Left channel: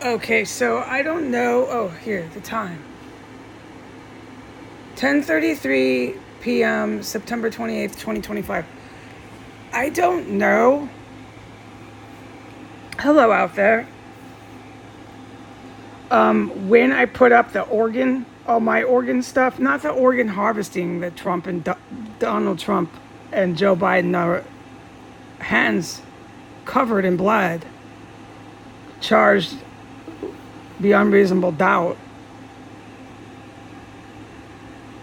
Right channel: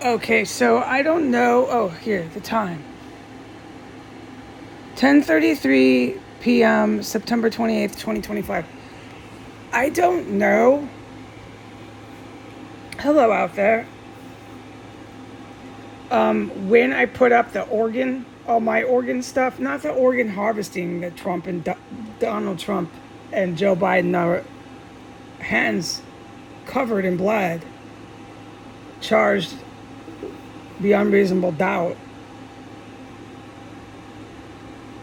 Okay, so I don't know. Oh, here, the time. 10:33 p.m., September 28th, 2025. I don't know. Hello out there. When I put up the organ, all my organ stuff, not the organ harvesting that Trump and Donald Trump and Joe Biden are hands covered in blood, charged beyond reasonable doubt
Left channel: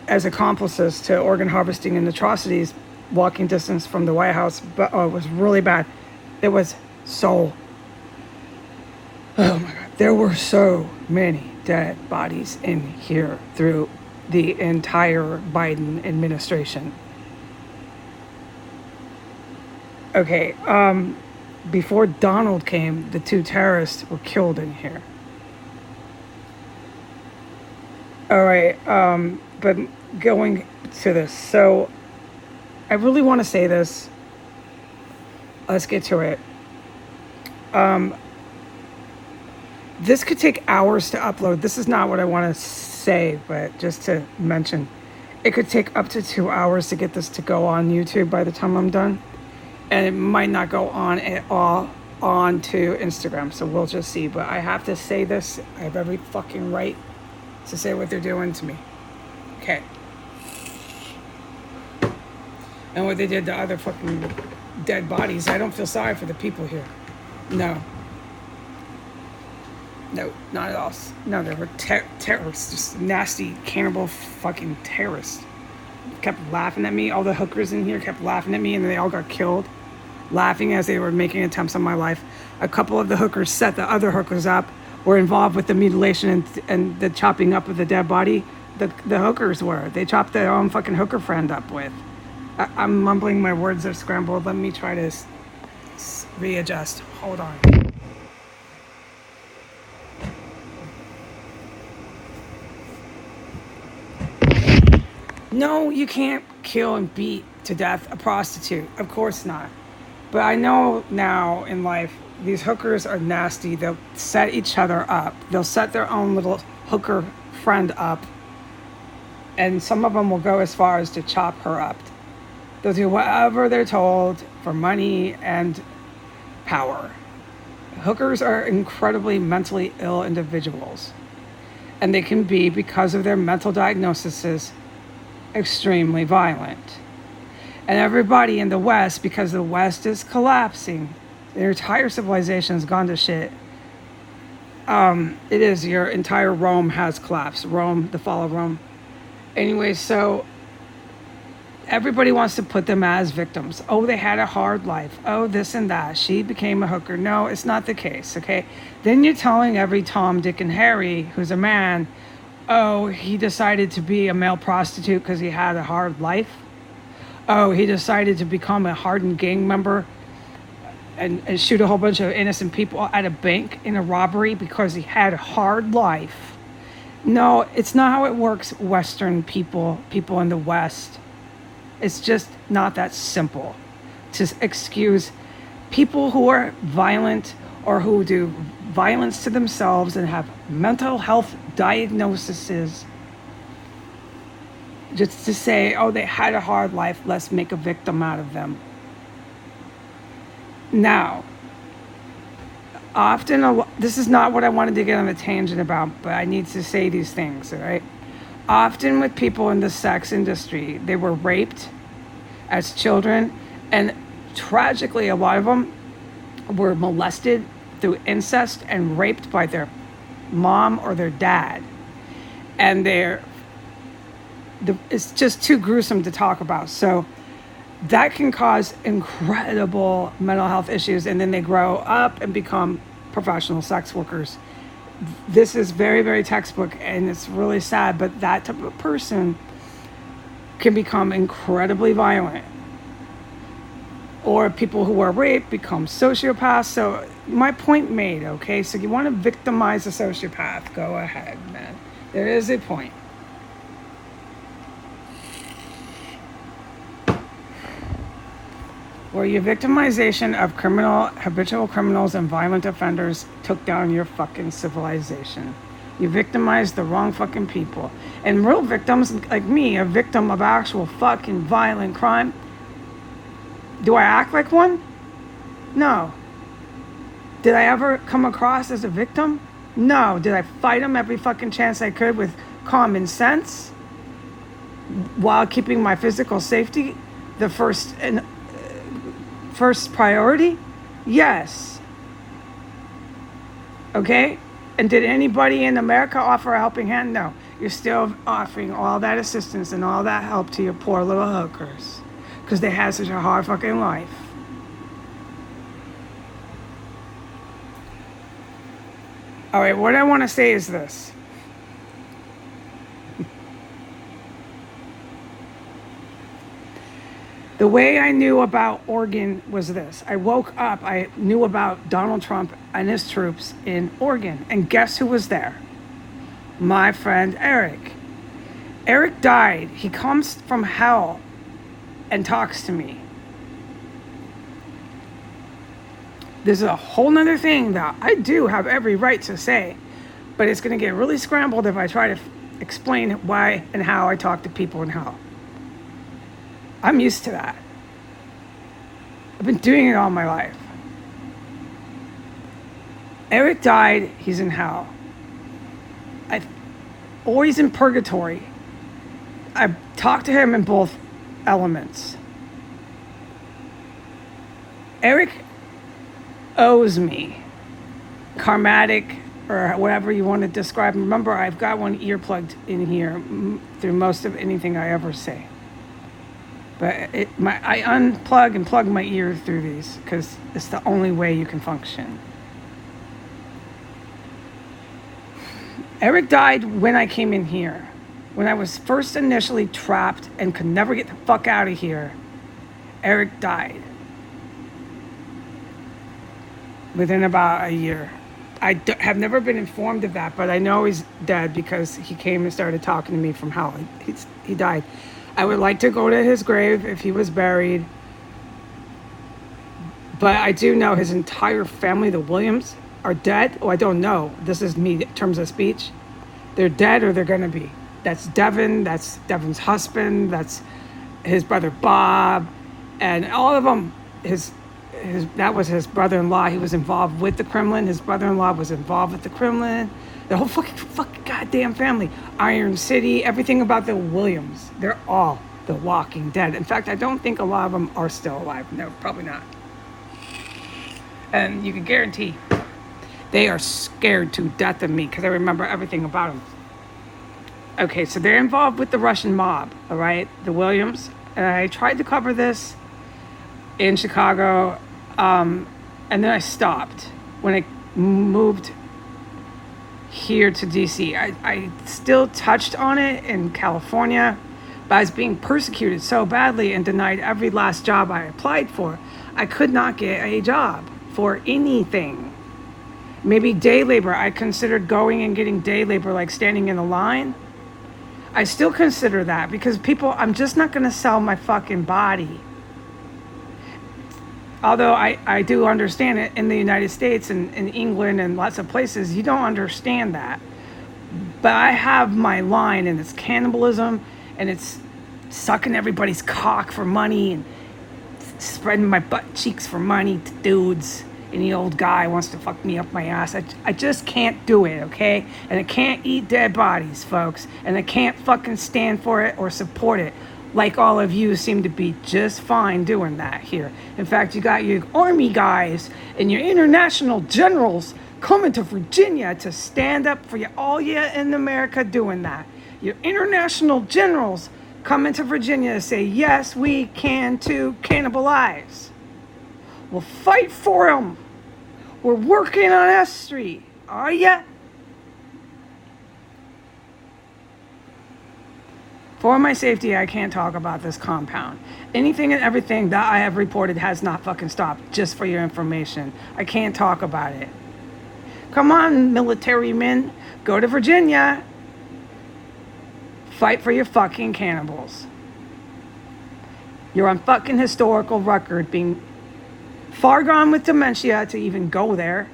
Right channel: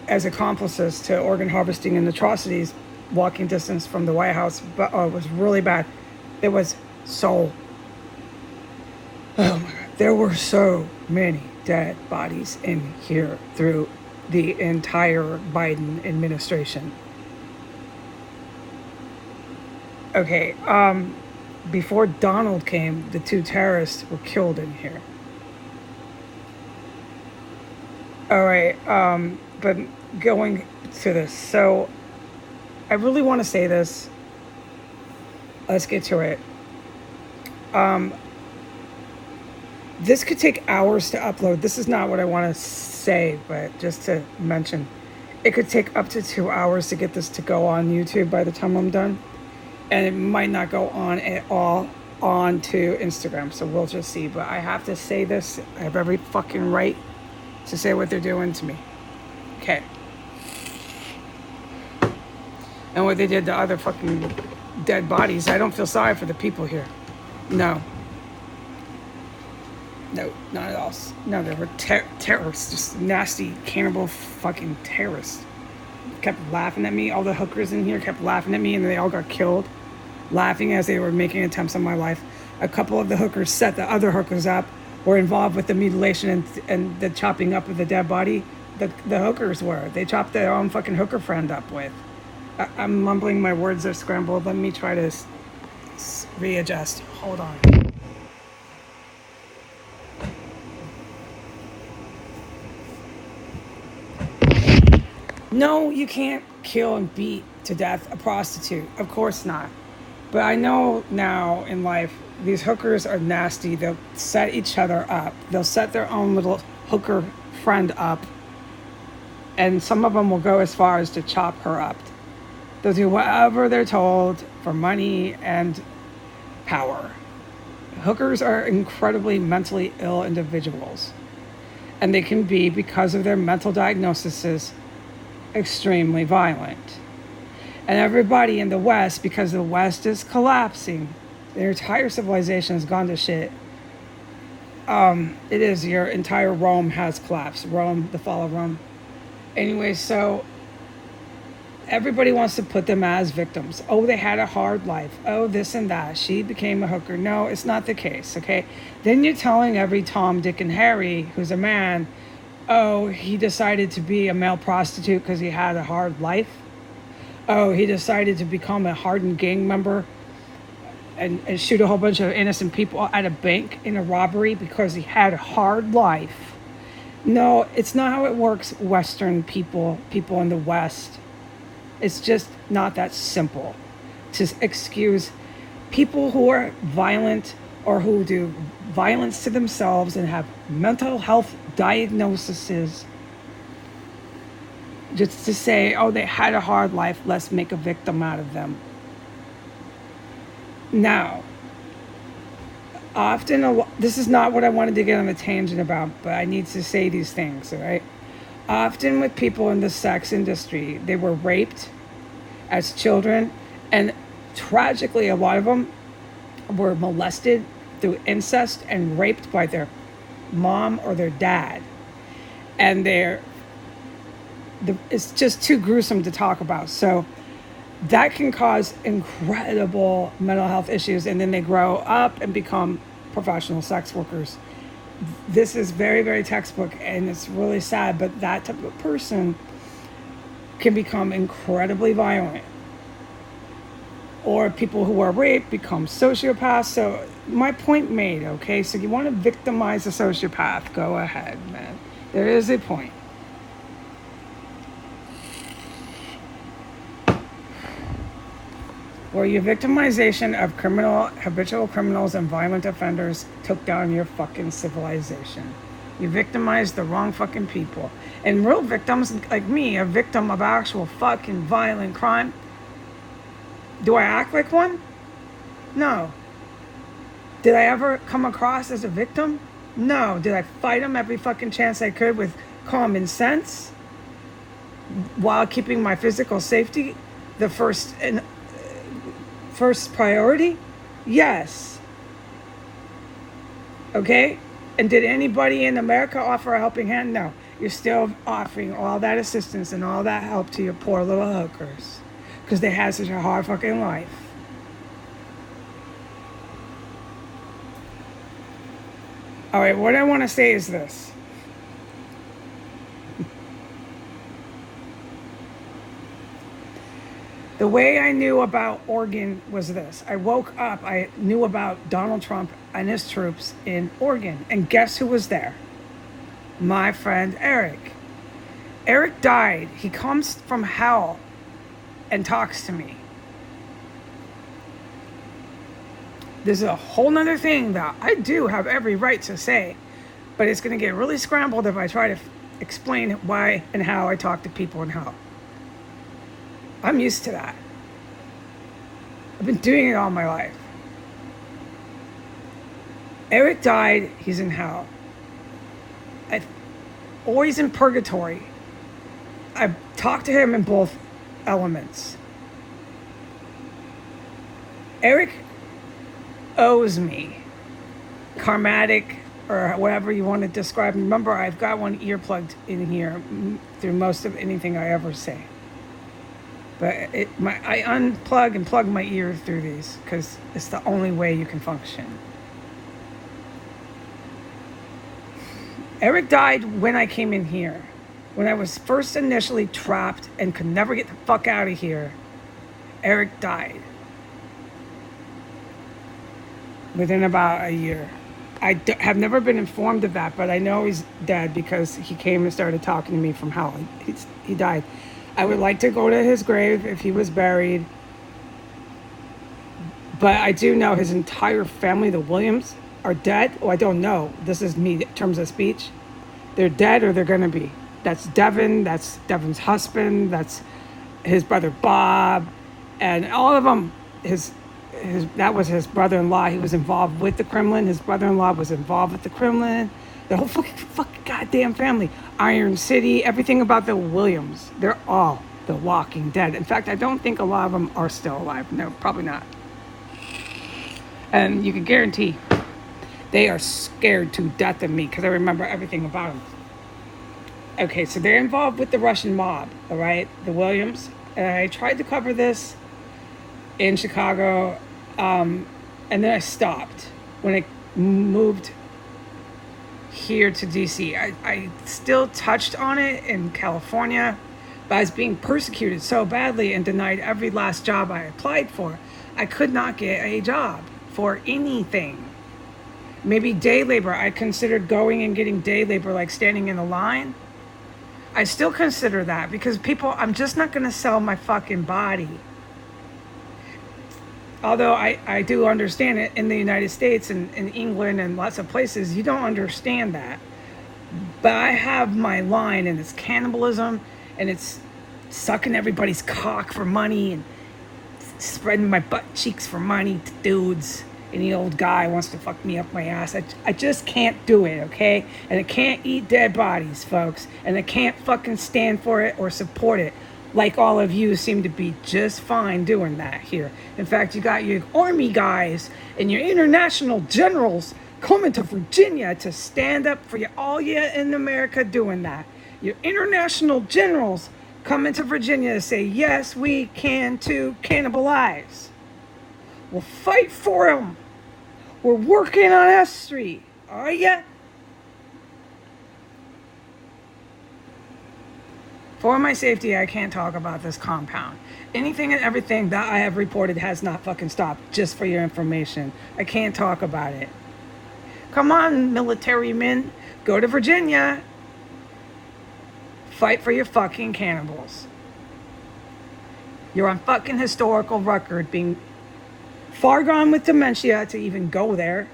as accomplices to organ harvesting and atrocities, walking distance from the White House. But oh, it was really bad. It was so. There were so many dead bodies in here through the entire Biden administration. Okay, before Donald came, the two terrorists were killed in here. All right, but going to this, so I really want to say this. Let's get to it. This could take hours to upload. This is not what I want to say, but just to mention, it could take up to 2 hours to get this to go on YouTube by the time I'm done. And it might not go on at all onto Instagram. So we'll just see. But I have to say this. I have every fucking right to say what they're doing to me. Okay. And what they did to other fucking dead bodies. I don't feel sorry for the people here. No. No, not at all. No, they were terrorists. Just nasty, cannibal fucking terrorists. Kept laughing at me. All the hookers in here kept laughing at me, and they all got killed, laughing as they were making attempts on my life. A couple of the hookers set the other hookers up, were involved with the mutilation and the chopping up of the dead body. The hookers were. They chopped their own fucking hooker friend up with. I'm mumbling, my words are scrambled. Let me try to readjust. Hold on. No, you can't kill and beat to death a prostitute. Of course not. But I know now in life, these hookers are nasty. They'll set each other up. They'll set their own little hooker friend up. And some of them will go as far as to chop her up. They'll do whatever they're told for money and power. Hookers are incredibly mentally ill individuals. And they can be, because of their mental diagnoses, extremely violent. And everybody in the West, because the West is collapsing, their entire civilization has gone to shit. It is, your entire Rome has collapsed. Rome, the fall of Rome. Anyway, so everybody wants to put them as victims. Oh, they had a hard life. Oh, this and that. She became a hooker. No, it's not the case, okay? Then you're telling every Tom, Dick, and Harry who's a man, oh, he decided to be a male prostitute because he had a hard life. Oh, he decided to become a hardened gang member and shoot a whole bunch of innocent people at a bank in a robbery because he had a hard life. No, it's not how it works, Western people in the West. It's just not that simple to excuse people who are violent or who do violence to themselves and have mental health diagnoses, just to say, oh, they had a hard life, let's make a victim out of them. Now, often, this is not what I wanted to get on a tangent about, but I need to say these things, all right? Often with people in the sex industry, they were raped as children, and tragically, a lot of them were molested through incest and raped by their mom or their dad. And it's just too gruesome to talk about. So that can cause incredible mental health issues, and then they grow up and become professional sex workers. This is very, very textbook, and it's really sad, but that type of person can become incredibly violent. Or people who are raped become sociopaths. So my point made, okay? So you want to victimize a sociopath, go ahead, man. There is a point. where your victimization of habitual criminals and violent offenders took down your fucking civilization. You victimized the wrong fucking people. And real victims, like me, a victim of actual fucking violent crime, do I act like one? No. Did I ever come across as a victim? No. Did I fight them every fucking chance I could with common sense while keeping my physical safety the first priority? Yes. Okay? And did anybody in America offer a helping hand? No. You're still offering all that assistance and all that help to your poor little hookers because they had such a hard fucking life. All right, what I want to say is this. The way I knew about Oregon was this. I woke up, I knew about Donald Trump and his troops in Oregon. And guess who was there? My friend Eric. Eric died. He comes from hell and talks to me. There's a whole nother thing that I do have every right to say, but it's going to get really scrambled if I try to explain why and how I talk to people in hell. I'm used to that. I've been doing it all my life. Eric died, he's in hell. I'm always in purgatory. I've talked to him in both elements. Eric owes me karmatic or whatever you want to describe. Remember, I've got one ear plugged in here through most of anything I ever say. But I unplug and plug my ears through these because it's the only way you can function. Eric died when I came in here. When I was first initially trapped and could never get the fuck out of here, Eric died. Within about a year. I have never been informed of that, but I know he's dead because he came and started talking to me from hell. He died. I would like to go to his grave if he was buried. But I do know his entire family, the Williams, are dead. Oh, I don't know. This is me in terms of speech. They're dead or they're going to be. That's Devin. That's Devin's husband. That's his brother Bob. And all of them, that was his brother-in-law. He was involved with the Kremlin. His brother-in-law was involved with the Kremlin. The whole fucking goddamn family. Iron City, everything about the Williams. They're all the Walking Dead. In fact, I don't think a lot of them are still alive. No, probably not. And you can guarantee they are scared to death of me because I remember everything about them. Okay, so they're involved with the Russian mob, all right? The Williams. And I tried to cover this in Chicago, and then I stopped when I moved here to DC. I still touched on it in California, but I was being persecuted so badly and denied every last job I applied for. I could not get a job for anything. Maybe day labor. I considered going and getting day labor, like standing in a line. I still consider that because I'm just not going to sell my fucking body. Although I do understand it in the United States and in England and lots of places, you don't understand that. But I have my line, and it's cannibalism, and it's sucking everybody's cock for money and spreading my butt cheeks for money to dudes. Any old guy wants to fuck me up my ass. I just can't do it, okay? And I can't eat dead bodies, folks. And I can't fucking stand for it or support it. Like all of you seem to be just fine doing that here. In fact, you got your army guys and your international generals coming to Virginia to stand up for you. All you in America doing that. Your international generals coming to Virginia to say, yes, we can too cannibalize. We'll fight for them. We're working on S Street. Are ya? For my safety, I can't talk about this compound. Anything and everything that I have reported has not fucking stopped, just for your information. I can't talk about it. Come on, military men. Go to Virginia. Fight for your fucking cannibals. You're on fucking historical record being far gone with dementia to even go there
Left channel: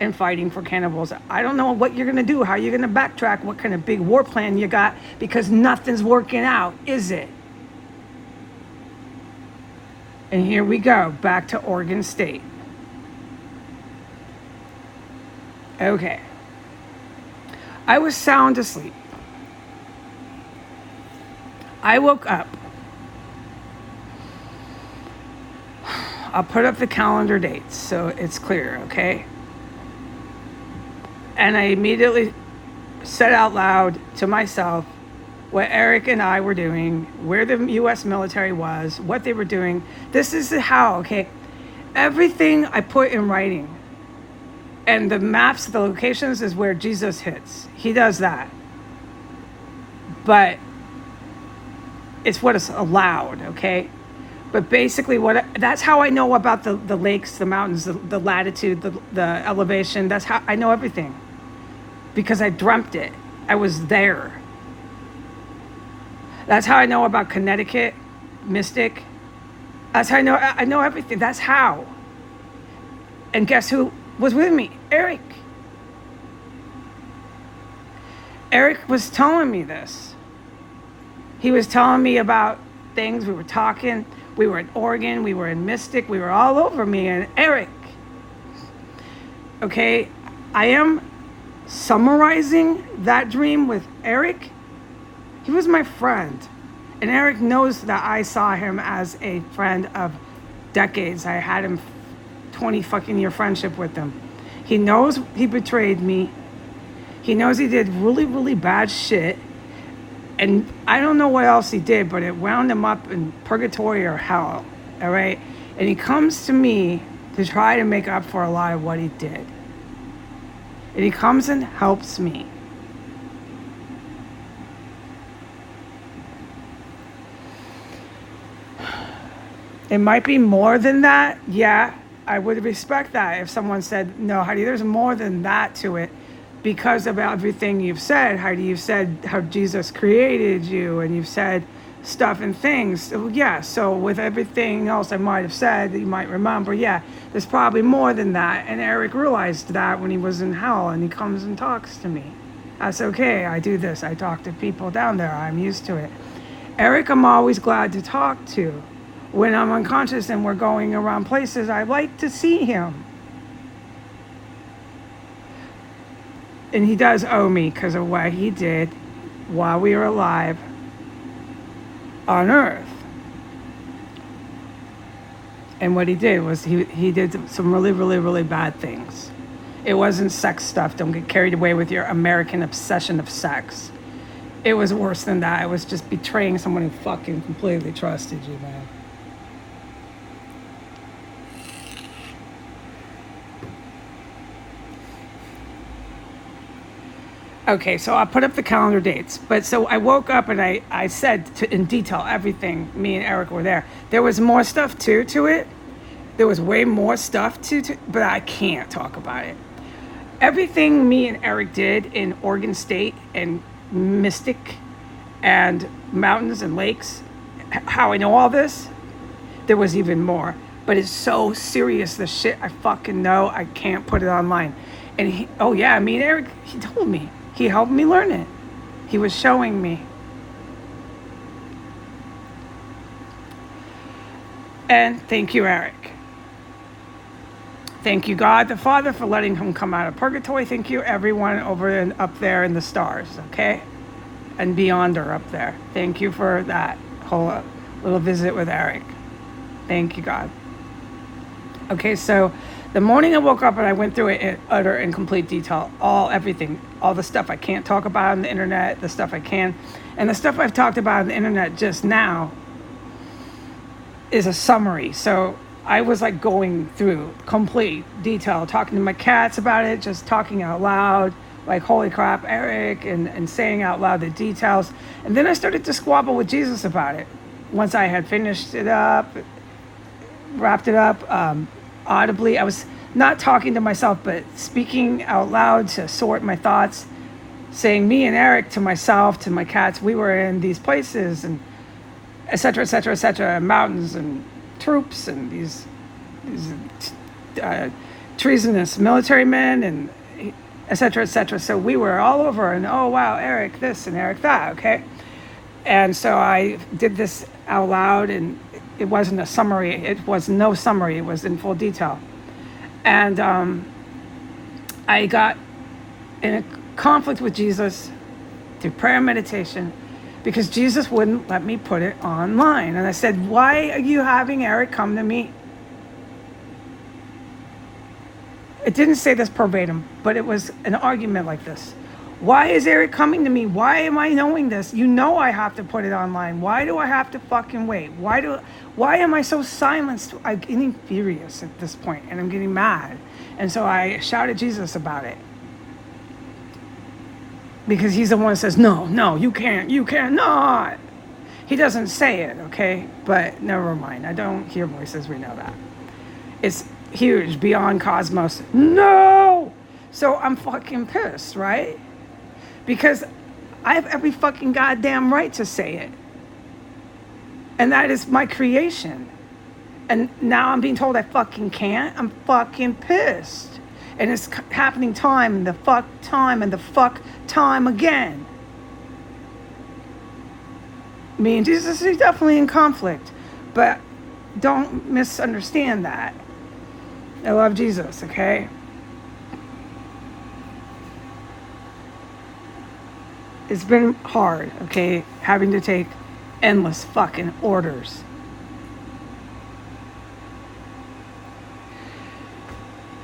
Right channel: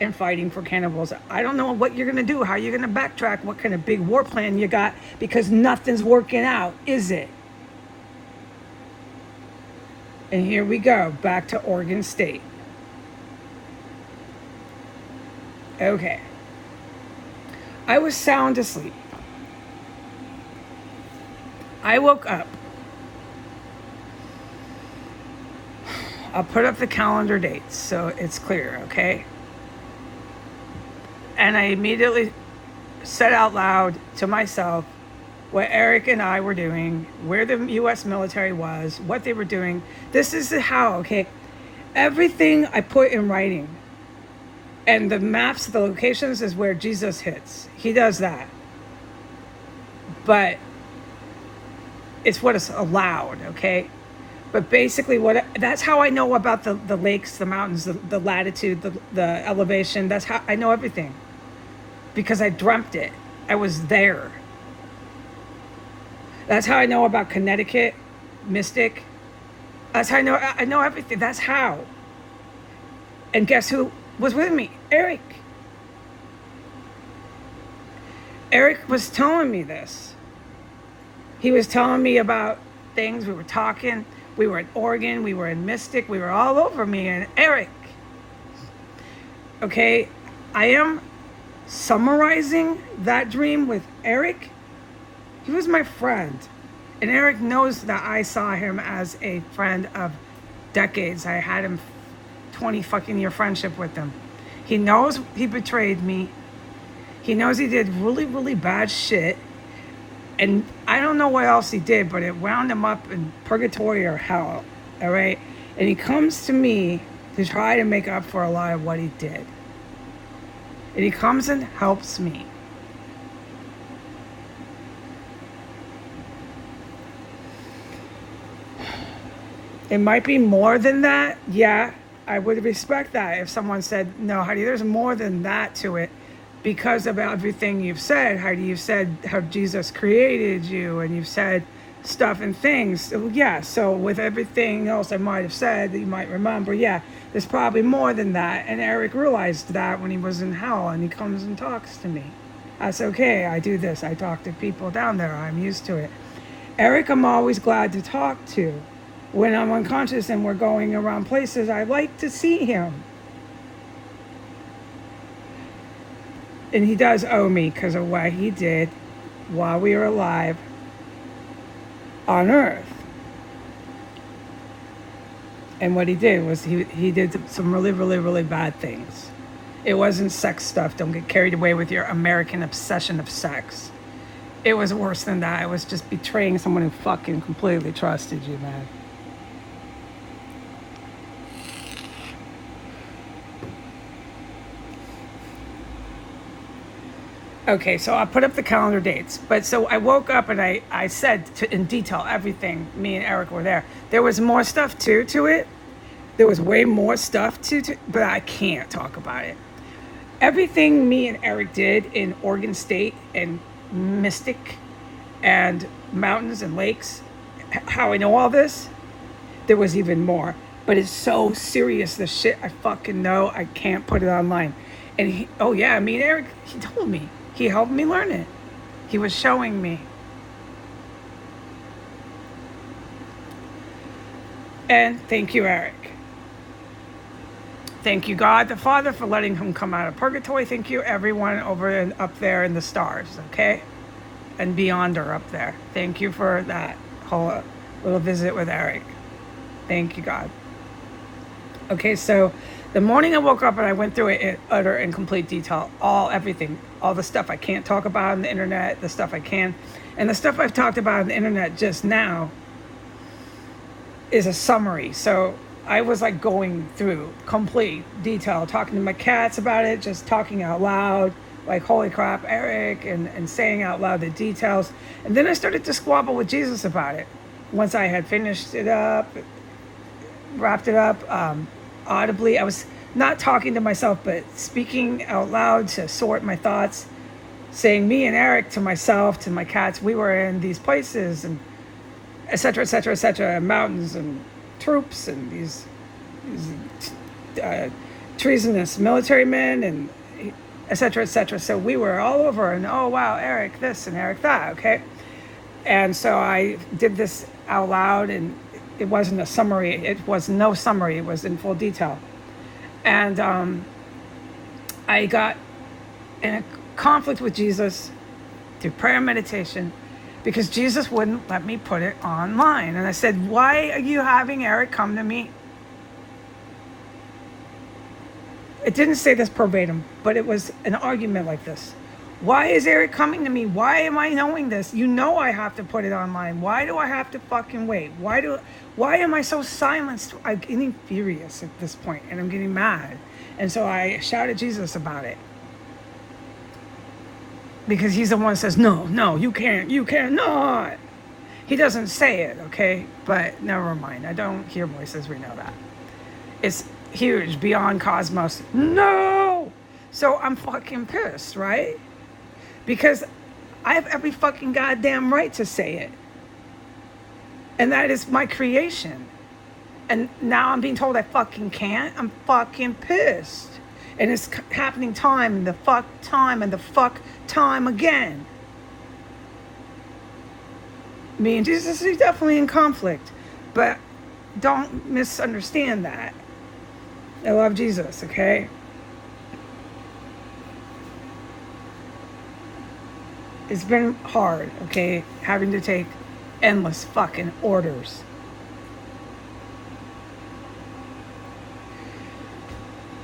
and fighting for cannibals. I don't know what you're going to do, how you're going to backtrack, what kind of big war plan you got, because nothing's working out, is it? And here we go, back to Oregon State. Okay. I was sound asleep. I woke up. I'll put up the calendar dates so it's clear, okay? And I immediately said out loud to myself what Eric and I were doing, where the U.S. military was, what they were doing. This is how, okay? Everything I put in writing. And the maps, the locations is where Jesus hits. He does that. But it's what is allowed, okay? But basically, that's how I know about the lakes, the mountains, the latitude, the elevation. That's how I know everything. Because I dreamt it. I was there. That's how I know about Connecticut, Mystic. That's how I know everything. That's how. And guess who was with me? Eric. Eric was telling me this. He was telling me about things. We were talking. We were in Oregon. We were in Mystic. We were all over me and Eric. Okay, I am summarizing that dream with Eric. He was my friend. And Eric knows that I saw him as a friend of decades. I had him 20 fucking year friendship with him. He knows he betrayed me. He knows he did really, really bad shit. And I don't know what else he did, but it wound him up in purgatory or hell. All right? And he comes to me to try to make up for a lot of what he did. And he comes and helps me. It might be more than that. Yeah, I would respect that if someone said, no, Heidi, there's more than that to it. Because of everything you've said, Heidi, you've said how Jesus created you, and you've said stuff and things. So, yeah, so with everything else I might have said that you might remember, yeah, there's probably more than that. And Eric realized that when he was in hell, and he comes and talks to me. That's okay. I do this. I talk to people down there. I'm used to it. Eric, I'm always glad to talk to. When I'm unconscious and we're going around places, I like to see him. And he does owe me because of what he did while we were alive on Earth. And what he did was he did some really, really, really bad things. It wasn't sex stuff. Don't get carried away with your American obsession of sex. It was worse than that. It was just betraying someone who fucking completely trusted you, man. Okay, so I put up the calendar dates. But so I woke up and I said in detail everything. Me and Eric were there. There was more stuff too to it. There was way more stuff to but I can't talk about it. Everything me and Eric did in Oregon State and Mystic and mountains and lakes, how I know all this, there was even more. But it's so serious, the shit I fucking know, I can't put it online. And me and Eric, he told me. He helped me learn it. He was showing me. And thank you, Eric. Thank you, God the Father, for letting him come out of purgatory. Thank you, everyone over and up there in the stars, okay? And beyond or up there. Thank you for that whole little visit with Eric. Thank you, God. Okay, so the morning I woke up and I went through it in utter and complete detail, everything, all the stuff I can't talk about on the internet, the stuff I can, and the stuff I've talked about on the internet just now is a summary. So I was like going through complete detail, talking to my cats about it, just talking out loud, like, holy crap, Eric, and saying out loud the details. And then I started to squabble with Jesus about it. Once I had finished it up, wrapped it up, audibly. I was not talking to myself, but speaking out loud to sort my thoughts, saying me and Eric to myself, to my cats, we were in these places, and etc., etc., etc., mountains and troops and these treasonous military men and etc., etc. So we were all over, and oh wow, Eric this and Eric that, okay. And so I did this out loud, and it wasn't a summary. It was no summary. It was in full detail. And I got in a conflict with Jesus through prayer and meditation because Jesus wouldn't let me put it online. And I said, why are you having Eric come to me? It didn't say this verbatim, but it was an argument like this. Why is Eric coming to me? Why am I knowing this? You know I have to put it online. Why do I have to fucking wait? Why am I so silenced? I'm getting furious at this point, and I'm getting mad. And so I shouted Jesus about it. Because he's the one that says, no, you cannot. He doesn't say it, okay? But never mind. I don't hear voices, we know that. It's huge, beyond cosmos. No! So I'm fucking pissed, right? Because I have every fucking goddamn right to say it. And that is my creation. And now I'm being told I fucking can't. I'm fucking pissed. And it's happening time and the fuck time and the fuck time again. Me and Jesus are definitely in conflict. But don't misunderstand that. I love Jesus, okay? It's been hard, okay? Having to take endless fucking orders.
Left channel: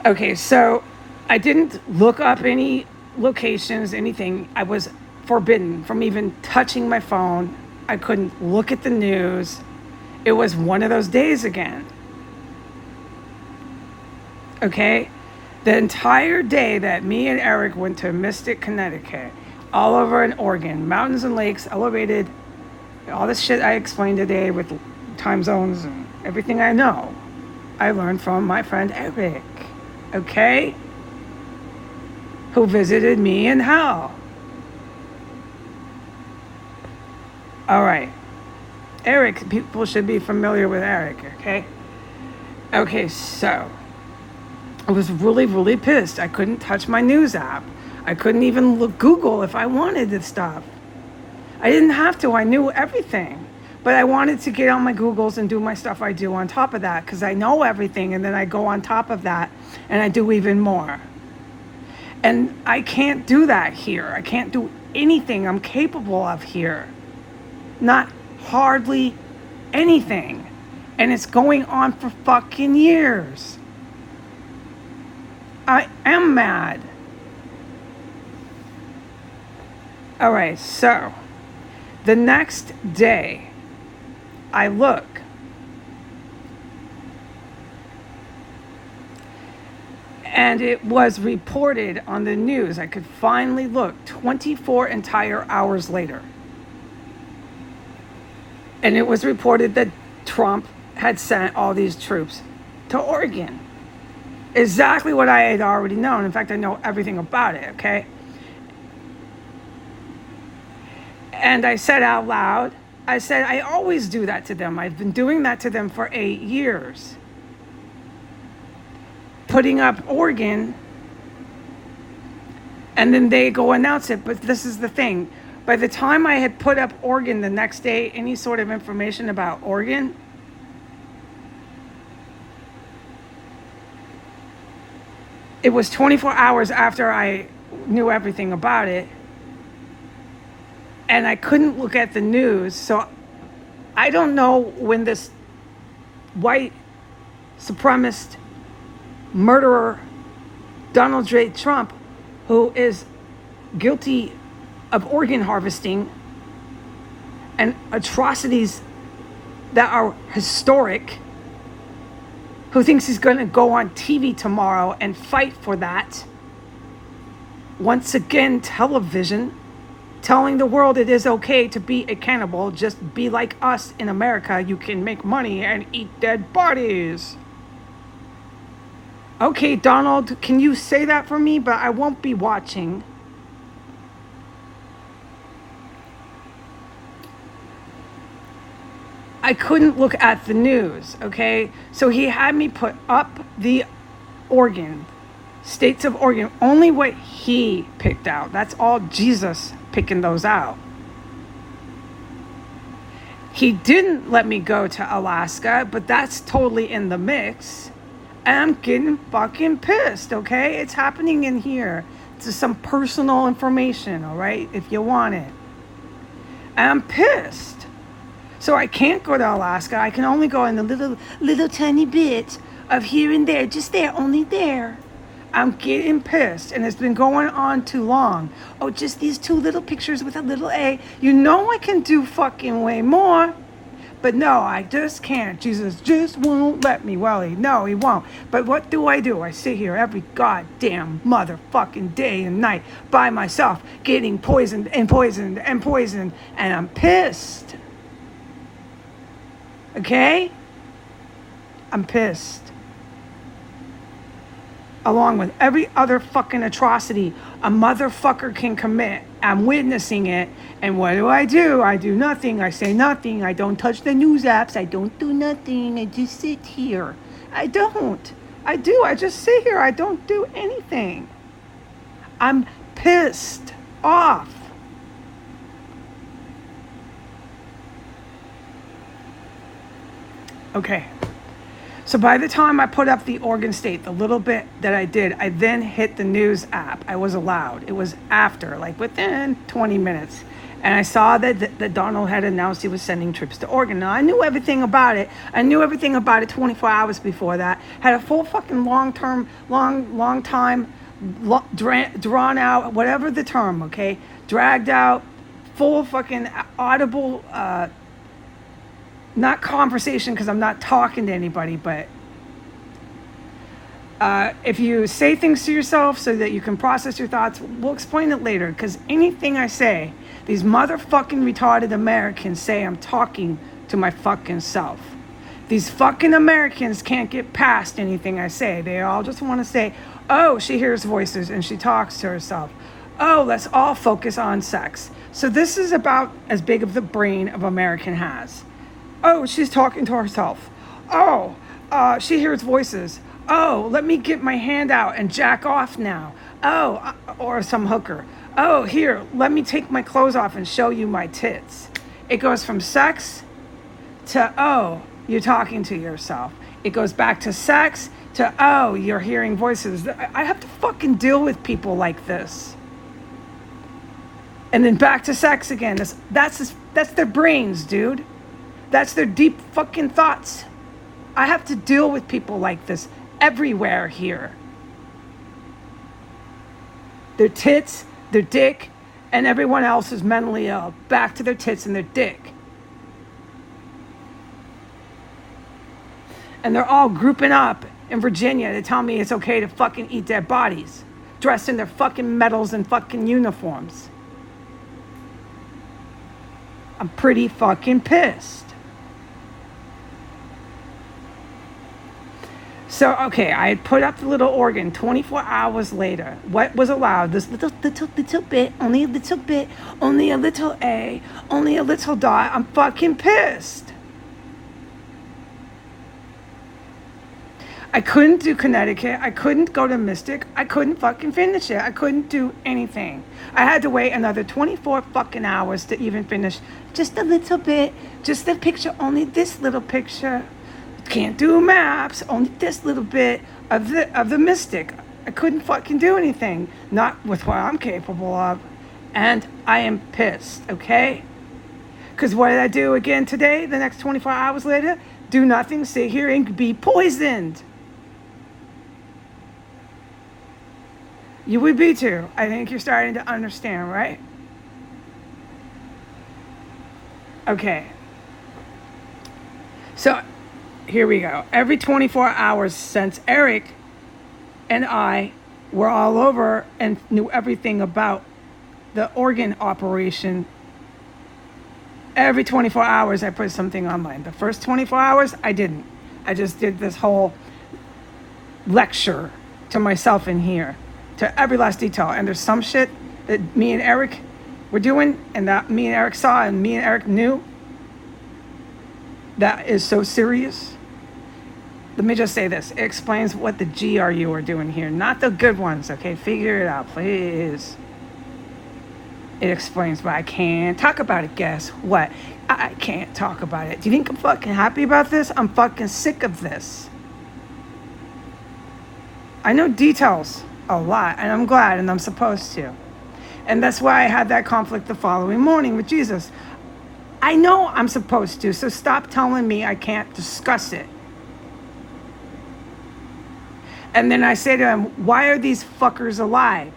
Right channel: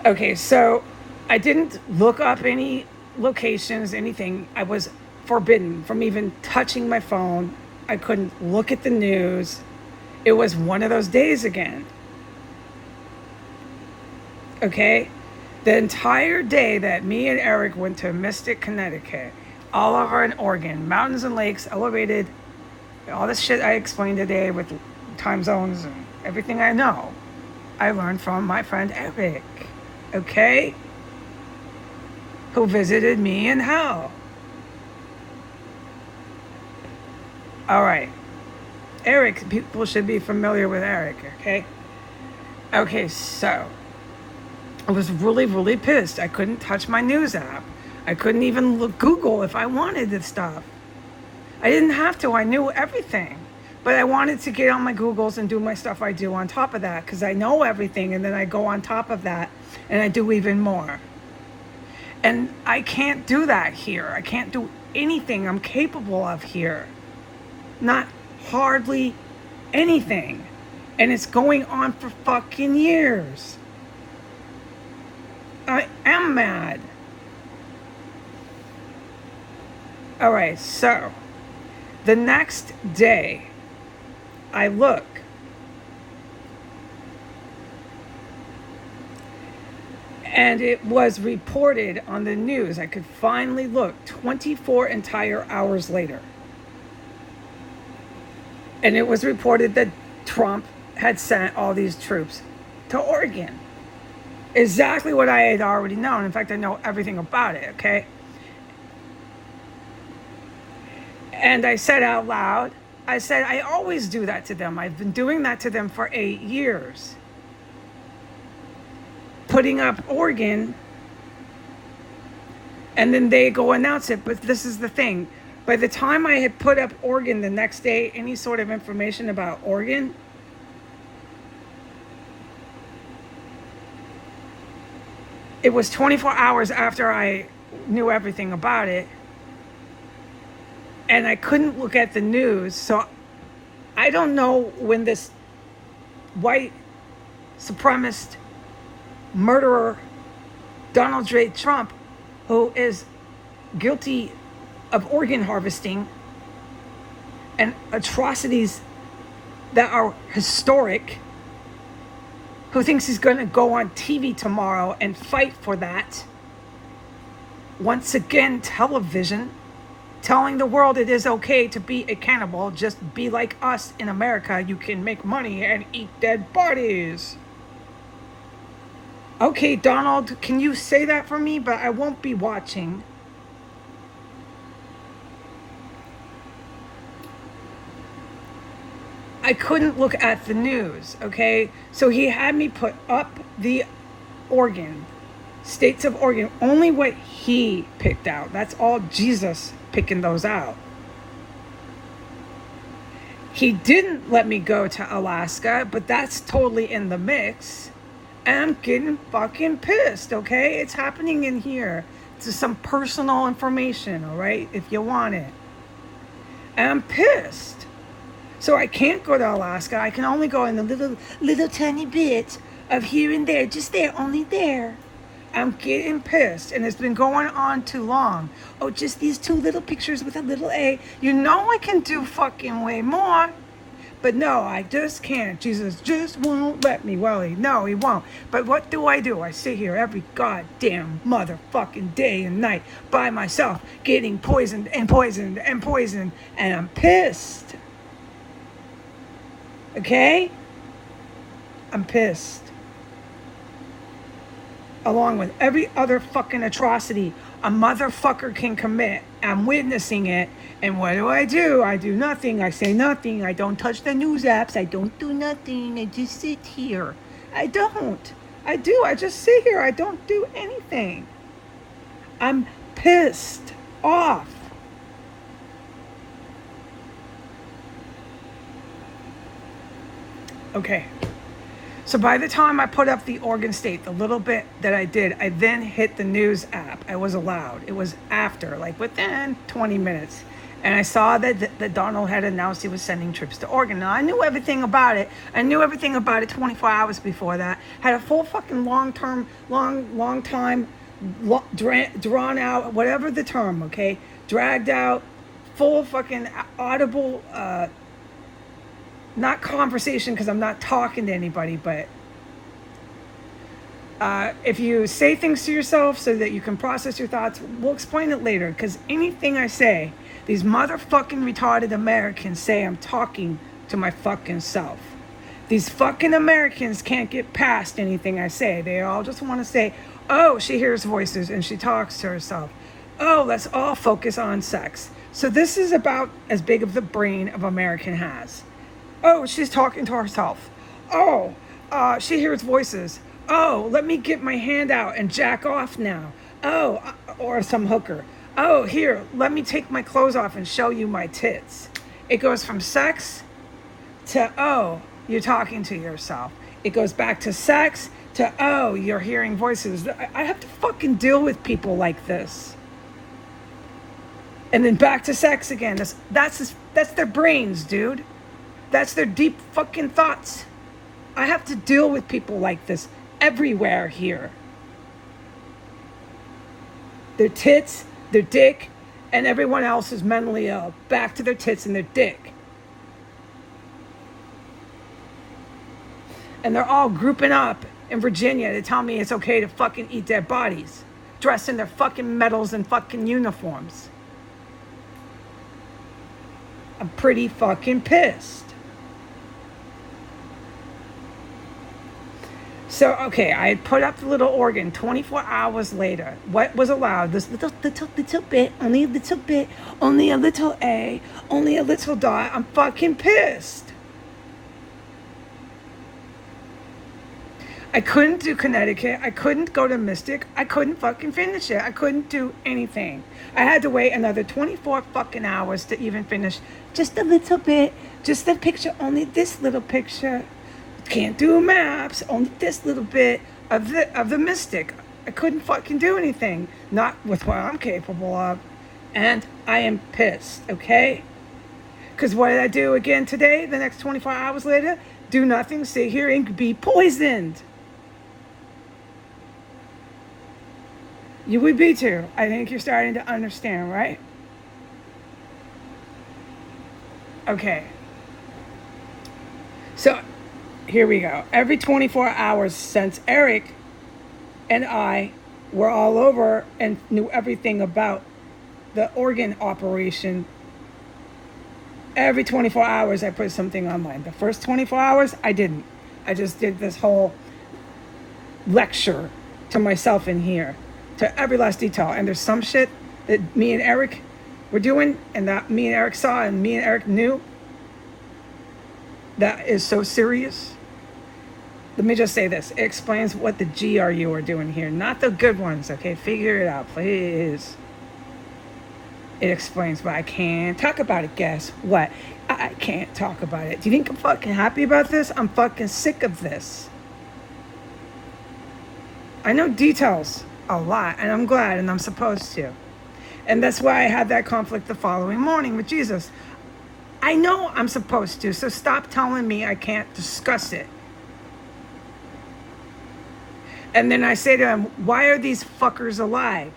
Okay, so I didn't look up any locations, anything. I was forbidden from even touching my phone. I couldn't look at the news. It was one of those days again. Okay? The entire day that me and Eric went to Mystic, Connecticut, all over in Oregon, mountains and lakes, elevated, all this shit I explained today with time zones and everything I know, I learned from my friend Eric, okay? Who visited me in hell. All right. Eric, people should be familiar with Eric, okay? Okay, so I was really, really pissed. I couldn't touch my news app. I couldn't even look Google if I wanted this stuff. I didn't have to. I knew everything. But I wanted to get on my Googles and do my stuff I do on top of that because I know everything, and then I go on top of that and I do even more. And I can't do that here. I can't do anything I'm capable of here. Not hardly anything. And it's going on for fucking years. I am mad. All right, so the next day, I look. And it was reported on the news. I could finally look 24 entire hours later. And it was reported that Trump had sent all these troops to Oregon. Exactly what I had already known. In fact, I know everything about it, okay? And I said out loud, I said, I always do that to them. I've been doing that to them for 8 years. Putting up Oregon, and then they go announce it. But this is the thing. By the time I had put up Oregon the next day, any sort of information about Oregon, it was 24 hours after I knew everything about it. And I couldn't look at the news. So I don't know when this white supremacist murderer, Donald J. Trump, who is guilty of organ harvesting and atrocities that are historic, who thinks he's going to go on TV tomorrow and fight for that. Once again, television, telling the world it is okay to be a cannibal, just be like us in America, you can make money and eat dead bodies. Okay, Donald, can you say that for me? But I won't be watching. I couldn't look at the news, okay? So he had me put up the Oregon, states of Oregon, only what he picked out. That's all Jesus picking those out. He didn't let me go to Alaska, but that's totally in the mix. And I'm getting fucking pissed, okay? It's happening in here. It's some personal information, all right? If you want it. I'm pissed. So I can't go to Alaska. I can only go in a little tiny bit of here and there, just there, only there. I'm getting pissed, and it's been going on too long. Oh, just these two little pictures with a little A. You know I can do fucking way more. But no, I just can't. Jesus just won't let me. Well, no, he won't. But what do? I sit here every goddamn motherfucking day and night by myself, getting poisoned and poisoned and poisoned, and I'm pissed. Okay? I'm pissed. Along with every other fucking atrocity a motherfucker can commit. I'm witnessing it. And what do? I do nothing. I say nothing. I don't touch the news apps. I don't do nothing. I just sit here. I don't. I do. I just sit here. I don't do anything. I'm pissed off. Okay. So by the time I put up the Oregon State, the little bit that I did, I then hit the news app. I was allowed. It was after, like within 20 minutes. And I saw that Donald had announced he was sending troops to Oregon. Now, I knew everything about it. I knew everything about it 24 hours before that. Had a full fucking long time, drawn out, whatever the term, okay? Dragged out, full fucking audible, not conversation because I'm not talking to anybody, but if you say things to yourself so that you can process your thoughts, we'll explain it later, because anything I say, these motherfucking retarded Americans say I'm talking to my fucking self. These fucking Americans can't get past anything I say. They all just want to say, oh, she hears voices and she talks to herself. Oh, let's all focus on sex. So this is about as big of the brain of American has. Oh, she's talking to herself. Oh, she hears voices. Oh, let me get my hand out and jack off now. Oh, or some hooker. Oh, here, let me take my clothes off and show you my tits. It goes from sex to, oh, you're talking to yourself. It goes back to sex to, oh, you're hearing voices. I have to fucking deal with people like this. And then back to sex again. That's their brains, dude. That's their deep fucking thoughts. I have to deal with people like this everywhere here. Their tits, their dick, and everyone else is mentally ill. Back to their tits and their dick. And they're all grouping up in Virginia to tell me it's okay to fucking eat dead bodies, dressed in their fucking medals and fucking uniforms. I'm pretty fucking pissed. So, okay, I had put up the little organ 24 hours later. What was allowed? This little bit, only a little bit, only a little A, only a little dot. I'm fucking pissed. I couldn't do Connecticut. I couldn't go to Mystic. I couldn't fucking finish it. I couldn't do anything. I had to wait another 24 fucking hours to even finish just a little bit, just the picture, only this little picture. Can't do maps, only this little bit of the Mystic. I couldn't fucking do anything, not with what I'm capable of. And I am pissed, okay? Because what did I do again today, the next 24 hours later? Do nothing, sit here and be poisoned. You would be too. I think you're starting to understand, right? Okay. So, here we go. Every 24 hours since Eric and I were all over and knew everything about the organ operation, every 24 hours I put something online. The first 24 hours, I didn't. I just did this whole lecture to myself in here, to every last detail. And there's some shit that me and Eric were doing and that me and Eric saw and me and Eric knew. That is so serious. Let me just say this. It explains what the GRU are doing here. Not the good ones, okay? Figure it out, please. It explains, but I can't talk about it. Guess what? I can't talk about it. Do you think I'm fucking happy about this? I'm fucking sick of this. I know details a lot, and I'm glad, and I'm supposed to. And that's why I had that conflict the following morning with Jesus. I know I'm supposed to, so stop telling me I can't discuss it. And then I say to him, why are these fuckers alive?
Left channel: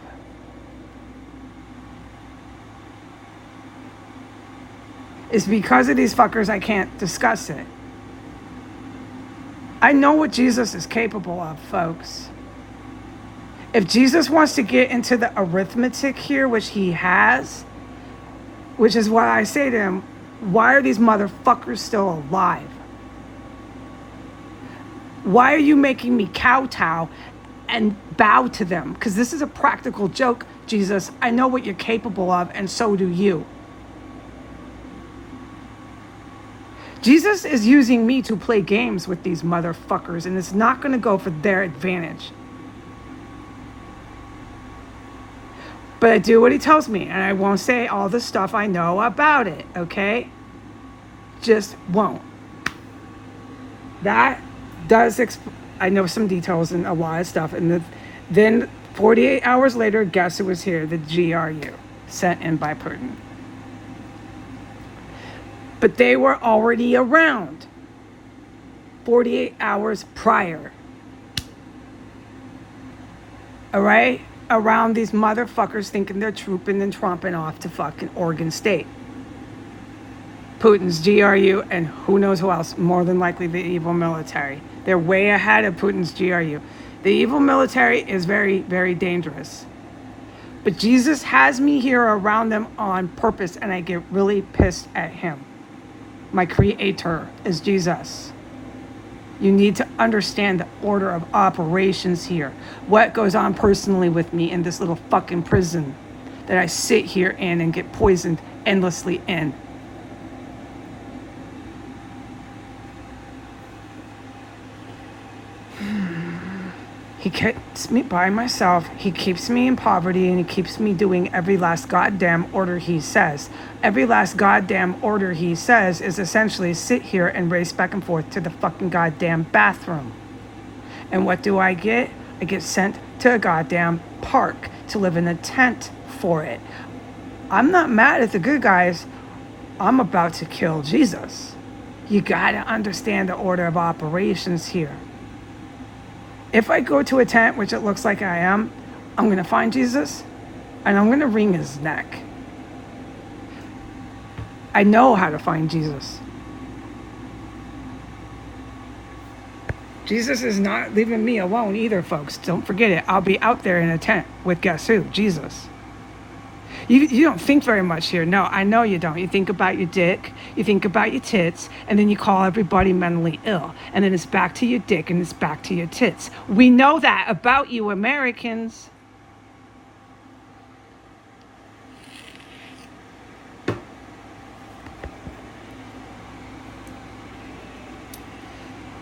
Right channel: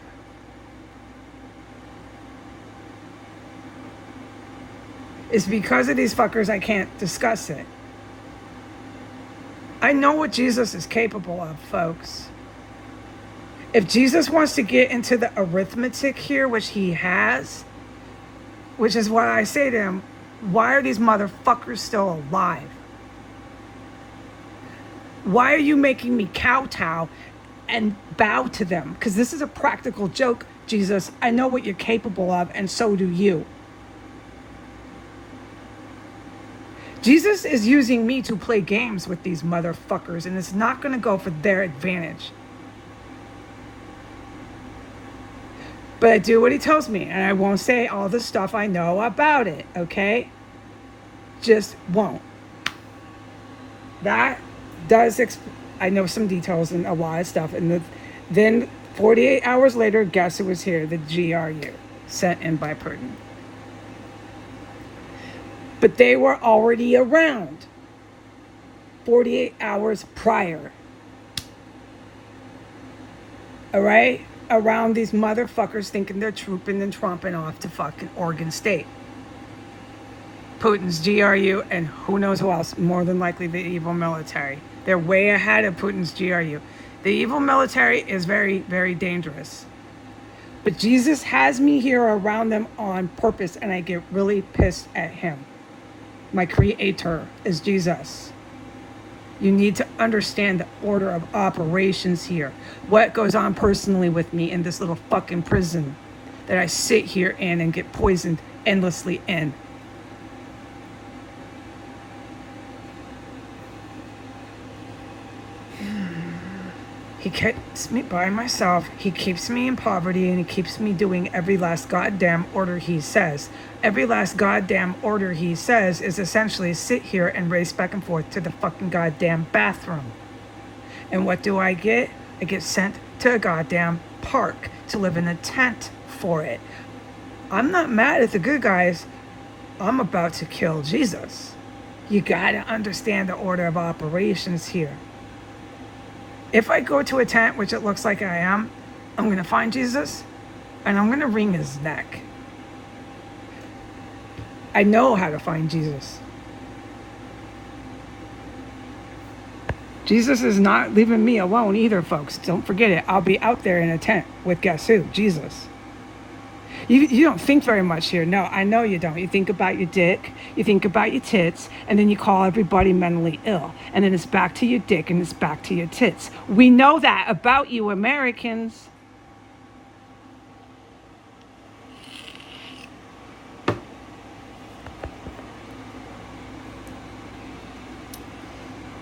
It's because of these fuckers I can't discuss it. I know what Jesus is capable of, folks. If Jesus wants to get into the arithmetic here, which he has, which is what I say to him, why are these motherfuckers still alive? Why are you making me kowtow and bow to them? Because this is a practical joke, Jesus. I know what you're capable of, and so do you. Jesus is using me to play games with these motherfuckers, and it's not going to go for their advantage. But I do what he tells me, and I won't say all the stuff I know about it, okay? Just won't. That does, I know some details and a lot of stuff. And then 48 hours later, guess who was here? The GRU, sent in by Putin. But they were already around 48 hours prior. All right? Around these motherfuckers thinking they're trooping and tromping off to fucking Oregon State. Putin's GRU and who knows who else, more than likely the evil military. They're way ahead of Putin's GRU. The evil military is very, very dangerous. But Jesus has me here around them on purpose, and I get really pissed at him. My creator is Jesus. You need to understand the order of operations here. What goes on personally with me in this little fucking prison that I sit here in and get poisoned endlessly in. He keeps me by myself. He keeps me in poverty, and he keeps me doing every last goddamn order he says. Every last goddamn order he says is essentially sit here and race back and forth to the fucking goddamn bathroom. And what do I get? I get sent to a goddamn park to live in a tent for it. I'm not mad at the good guys. I'm about to kill Jesus. You gotta understand the order of operations here. If I go to a tent, which it looks like I am, I'm gonna find Jesus and I'm gonna wring his neck. I know how to find Jesus. Jesus is not leaving me alone either, folks. Don't forget it. I'll be out there in a tent with guess who? Jesus. You don't think very much here. No, I know you don't. You think about your dick, you think about your tits, and then you call everybody mentally ill. And then it's back to your dick and it's back to your tits. We know that about you Americans.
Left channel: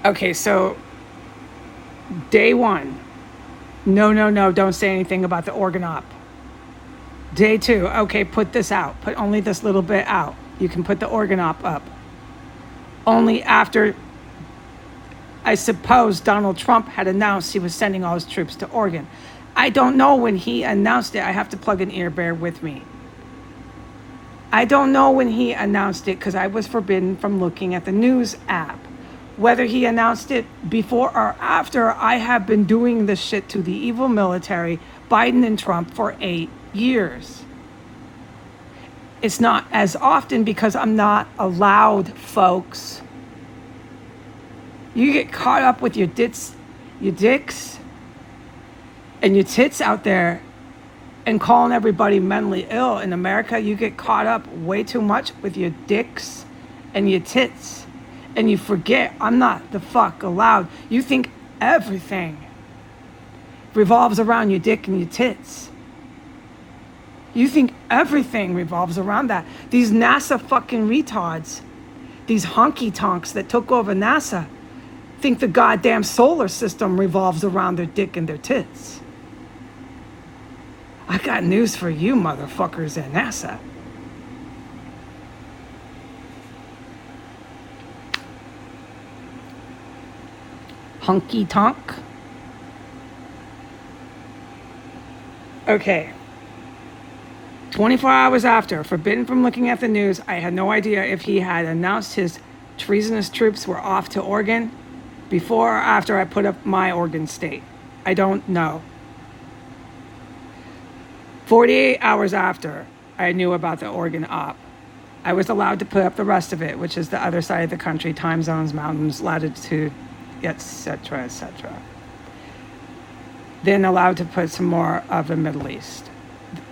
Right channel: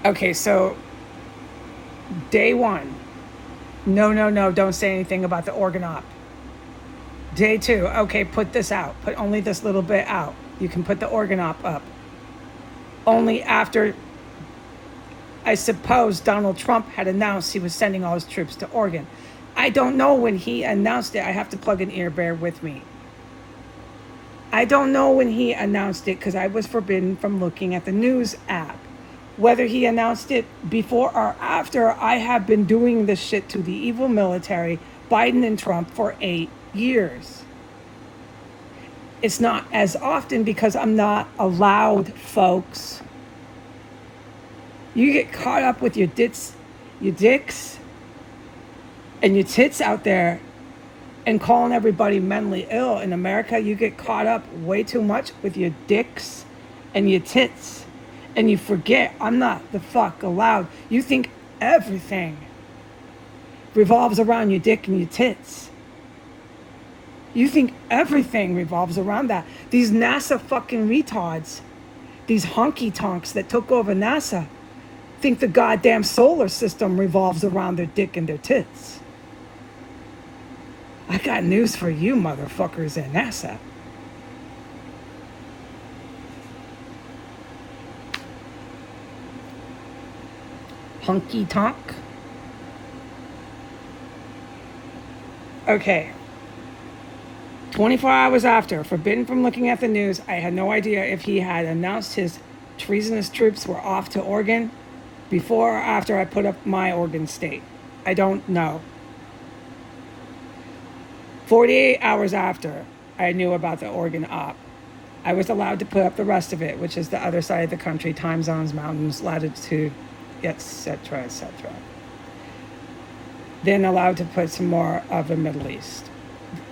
Okay, so day one. No, don't say anything about the organ op. Day two, okay, put this out. Put only this little bit out. You can put the organ op up. Only after, I suppose, Donald Trump had announced he was sending all his troops to Oregon. I don't know when he announced it. I have to plug an ear, bear with me. I don't know when he announced it because I was forbidden from looking at the news app. Whether he announced it before or after, I have been doing this shit to the evil military, Biden and Trump, for 8 years. It's not as often because I'm not allowed, folks. You get caught up with your dicks and your tits out there and calling everybody mentally ill. In America, you get caught up way too much with your dicks and your tits. And you forget I'm not the fuck allowed. You think everything revolves around your dick and your tits. You think everything revolves around that. These NASA fucking retards, these honky tonks that took over NASA think the goddamn solar system revolves around their dick and their tits. I got news for you motherfuckers at NASA. Honky tonk. Okay. 24 hours after, forbidden from looking at the news, I had no idea if he had announced his treasonous troops were off to Oregon before or after I put up my Oregon state. I don't know. 48 hours after I knew about the Oregon op, I was allowed to put up the rest of it, which is the other side of the country, time zones, mountains, latitude, etc., etc. Then allowed to put some more of the Middle East,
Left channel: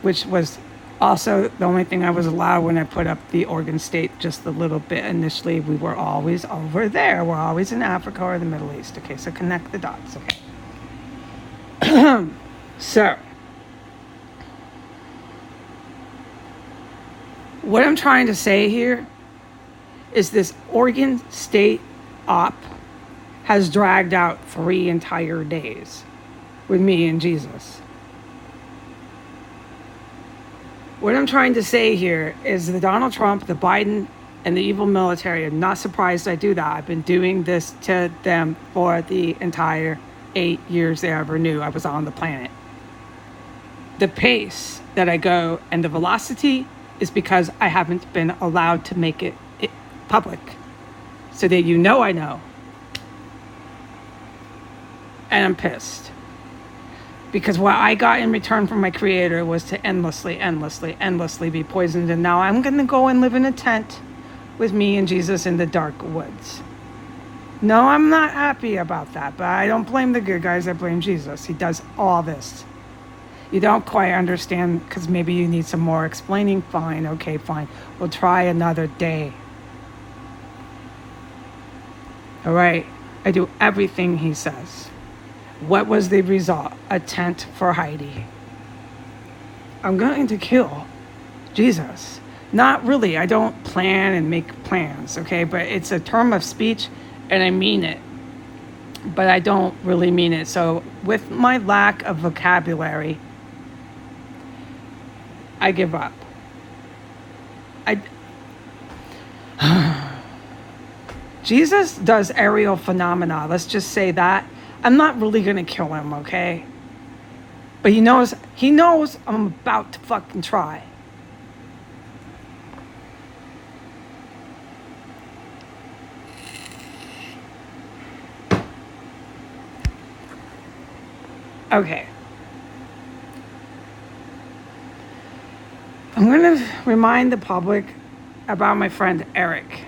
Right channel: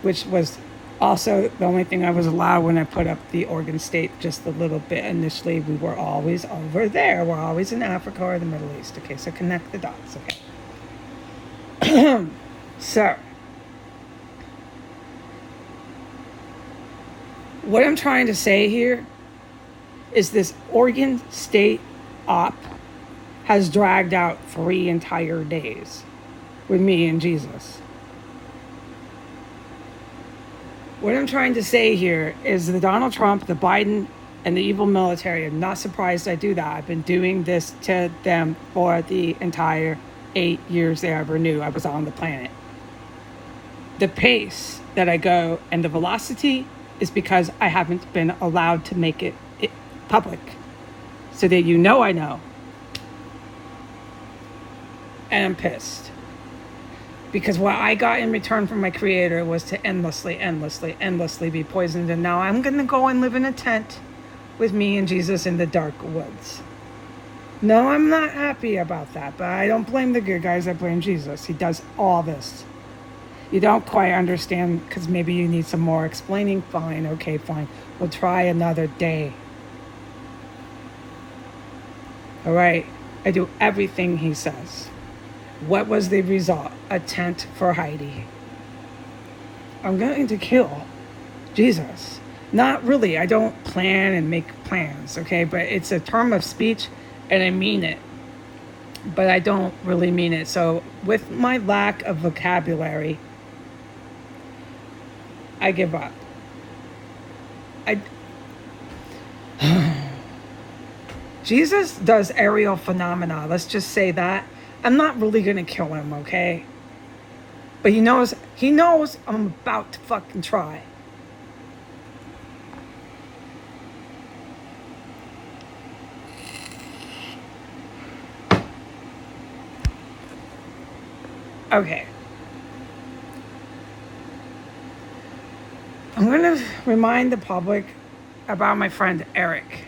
which was also the only thing I was allowed when I put up the Oregon state just a little bit. Initially, we were always over there. We're always in Africa or the Middle East. Okay, so connect the dots, okay? So, what I'm trying to say here is this Oregon state op has dragged out 3 entire days with me and Jesus. What I'm trying to say here is the Donald Trump, the Biden, and the evil military, I'm not surprised I do that. I've been doing this to them for the entire 8 years they ever knew I was on the planet. The pace that I go and the velocity is because I haven't been allowed to make it public. So that you know I know. And I'm pissed. Because what I got in return from my creator was to endlessly be poisoned. And now I'm going to go and live in a tent with me and Jesus in the dark woods. No, I'm not happy about that. But I don't blame the good guys. I blame Jesus. He does all this. You don't quite understand because maybe you need some more explaining. Fine. Okay, fine. We'll try another day. All right. I do everything he says. What was the result? A tent for Heidi. I'm going to kill Jesus. Not really. I don't plan and make plans, okay? But it's a term of speech, and I mean it. But I don't really mean it. So with my lack of vocabulary, I give up. Jesus does aerial phenomena. Let's just say that. I'm not really going to kill him, okay? But he knows I'm about to fucking try. Okay. I'm going to remind the public about my friend Eric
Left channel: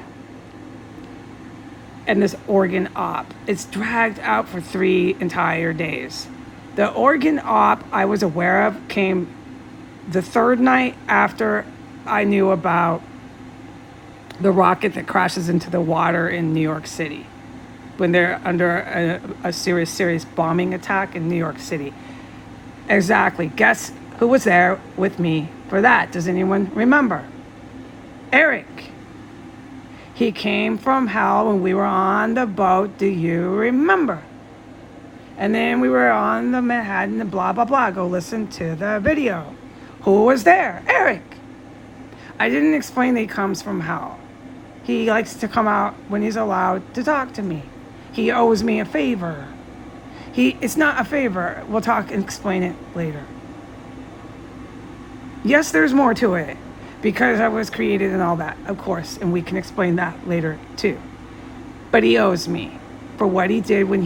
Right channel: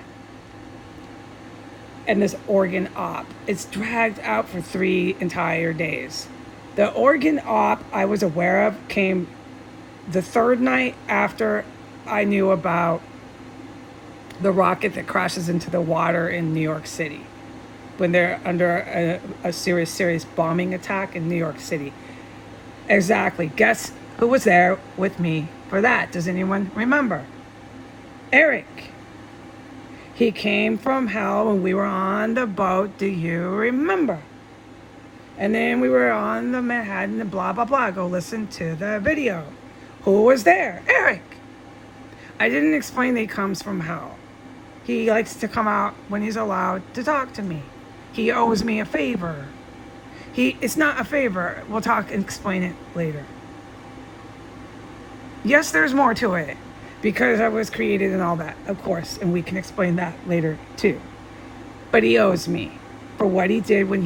and this Oregon op. It's dragged out for 3 entire days. The Oregon op I was aware of came the 3rd night after I knew about the rocket that crashes into the water in New York City when they're under a serious bombing attack in New York City. Exactly. Guess who was there with me for that? Does anyone remember? Eric. He came from hell when we were on the boat. Do you remember? And then we were on the Manhattan and blah, blah, blah. Go listen to the video. Who was there? Eric. I didn't explain that he comes from hell. He likes to come out when he's allowed to talk to me. He owes me a favor. It's not a favor. We'll talk and explain it later. Yes, there's more to it. Because I was created and all that, of course, and we can explain that later too. But he owes me for what he did when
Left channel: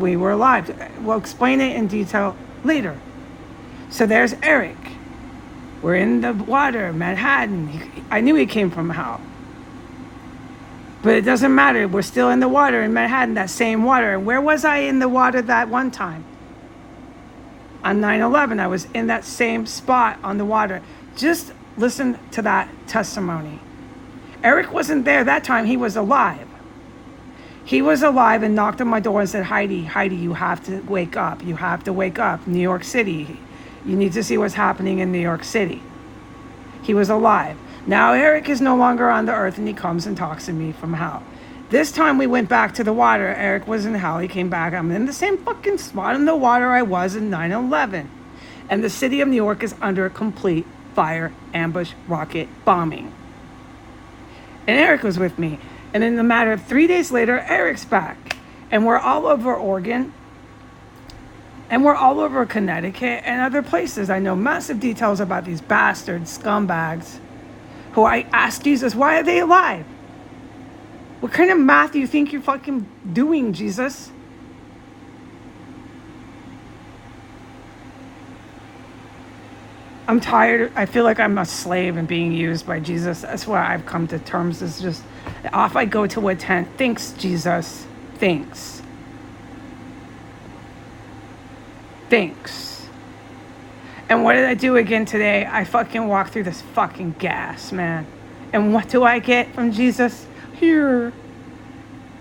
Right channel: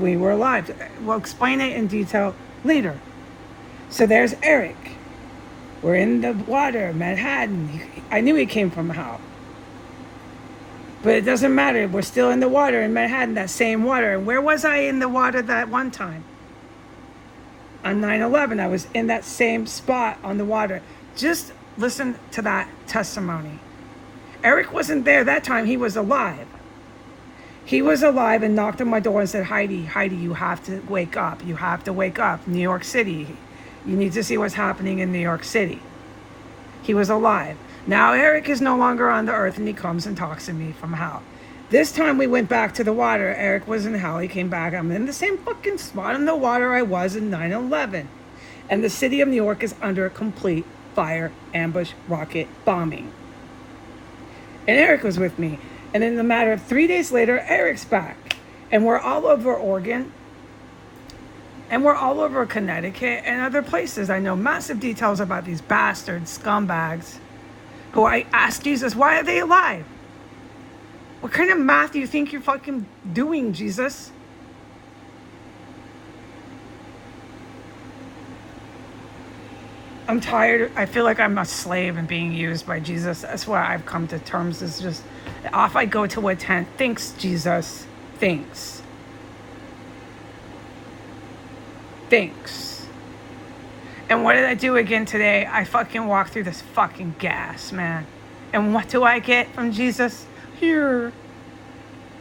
we were alive. We'll explain it in detail later. So there's Eric. We're in the water, Manhattan. I knew he came from hell. But it doesn't matter. We're still in the water in Manhattan, that same water. And where was I in the water that one time? On 9/11, I was in that same spot on the water. Just listen to that testimony. Eric wasn't there that time. He was alive. He was alive and knocked on my door and said, Heidi, you have to wake up. You have to wake up. New York City. You need to see what's happening in New York City. He was alive. Now Eric is no longer on the earth, and he comes and talks to me from hell. This time we went back to the water. Eric was in hell. He came back. I'm in the same fucking spot in the water I was in 9/11. And the city of New York is under a complete fire, ambush, rocket bombing. And Eric was with me. And in a matter of 3 days later, Eric's back. And we're all over Oregon. And we're all over Connecticut and other places. I know massive details about these bastards, scumbags, who I asked Jesus, why are they alive? What kind of math do you think you're fucking doing, Jesus? I'm tired. I feel like I'm a slave and being used by Jesus. That's why I've come to terms. It's just, if I go to a tent, thanks, Jesus. Thanks. Thanks. And what did I do again today? I fucking walked through this fucking gas, man. And what do I get from Jesus? Here.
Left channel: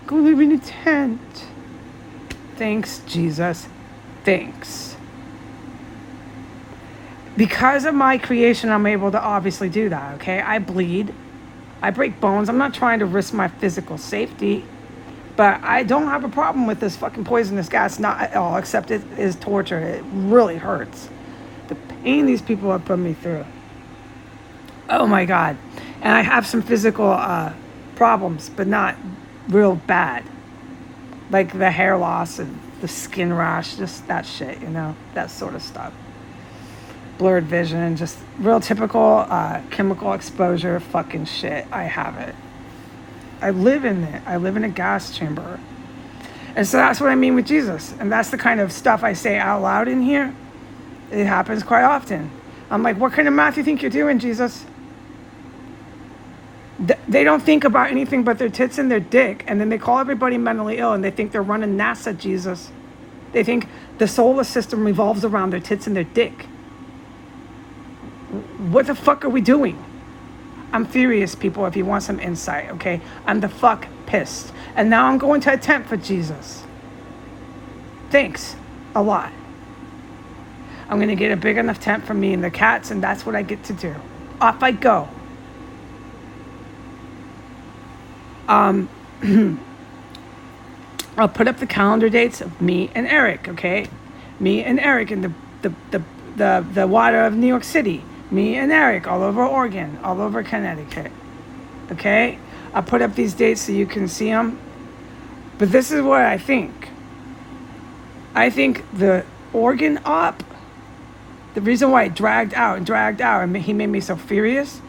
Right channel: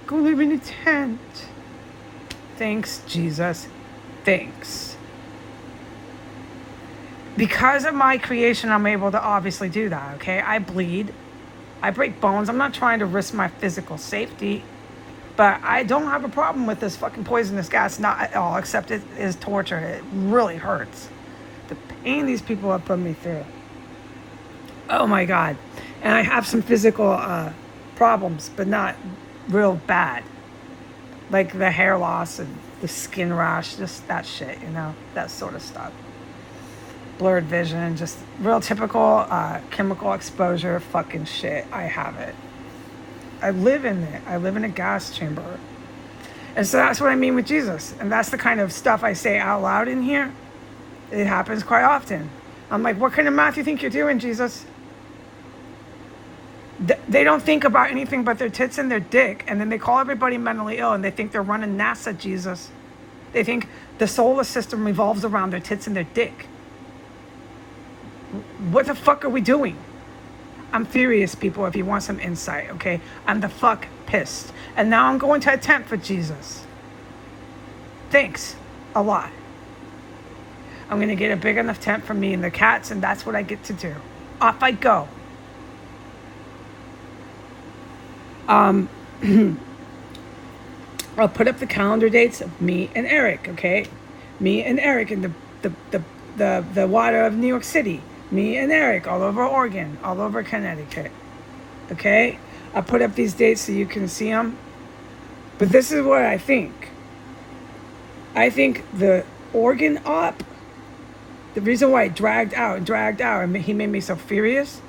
Go live in a tent. Thanks, Jesus. Thanks. Because of my creation, I'm able to obviously do that, okay? I bleed. I break bones. I'm not trying to risk my physical safety. But I don't have a problem with this fucking poisonous gas, not at all, except it is torture. It really hurts. The pain these people have put me through. Oh my God. And I have some physical problems, but not real bad. Like the hair loss and the skin rash, just that shit, that sort of stuff. Blurred vision, just real typical chemical exposure fucking shit. I have it. I live in it. I live in a gas chamber. And so that's what I mean with Jesus. And that's the kind of stuff I say out loud in here. It happens quite often. I'm like, what kind of math do you think you're doing, Jesus? They don't think about anything but their tits and their dick. And then they call everybody mentally ill and they think they're running NASA, Jesus. They think the solar system revolves around their tits and their dick. What the fuck are we doing? I'm furious, people, if you want some insight, okay? I'm the fuck pissed. And now I'm going to a tent for Jesus. Thanks a lot. I'm going to get a big enough tent for me and the cats, and that's what I get to do. Off I go. I'll put up the calendar dates of me and Eric, okay? Me and Eric in the water of New York City. Me and Eric all over Oregon, all over Connecticut. Okay? I'll put up these dates so you can see them. But this is what I think. I think the Oregon op, the reason why it dragged out, and he made me so furious,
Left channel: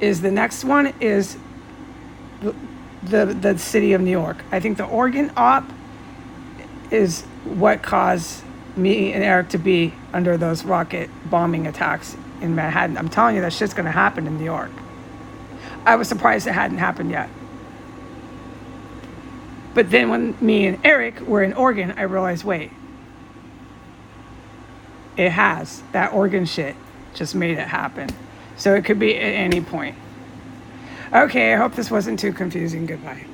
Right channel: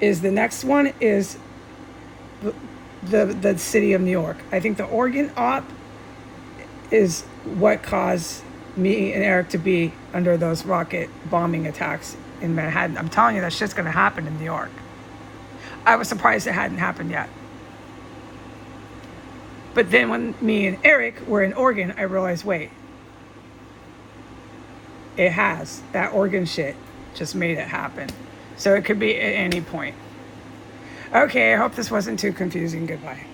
is the next one is the city of New York. I think the Oregon op is what caused me and Eric to be under those rocket bombing attacks in Manhattan. I'm telling you, that shit's gonna happen in New York. I was surprised it hadn't happened yet. But then when me and Eric were in Oregon, I realized, wait, it has. That Oregon shit just made it happen. So it could be at any point. Okay, I hope this wasn't too confusing. Goodbye.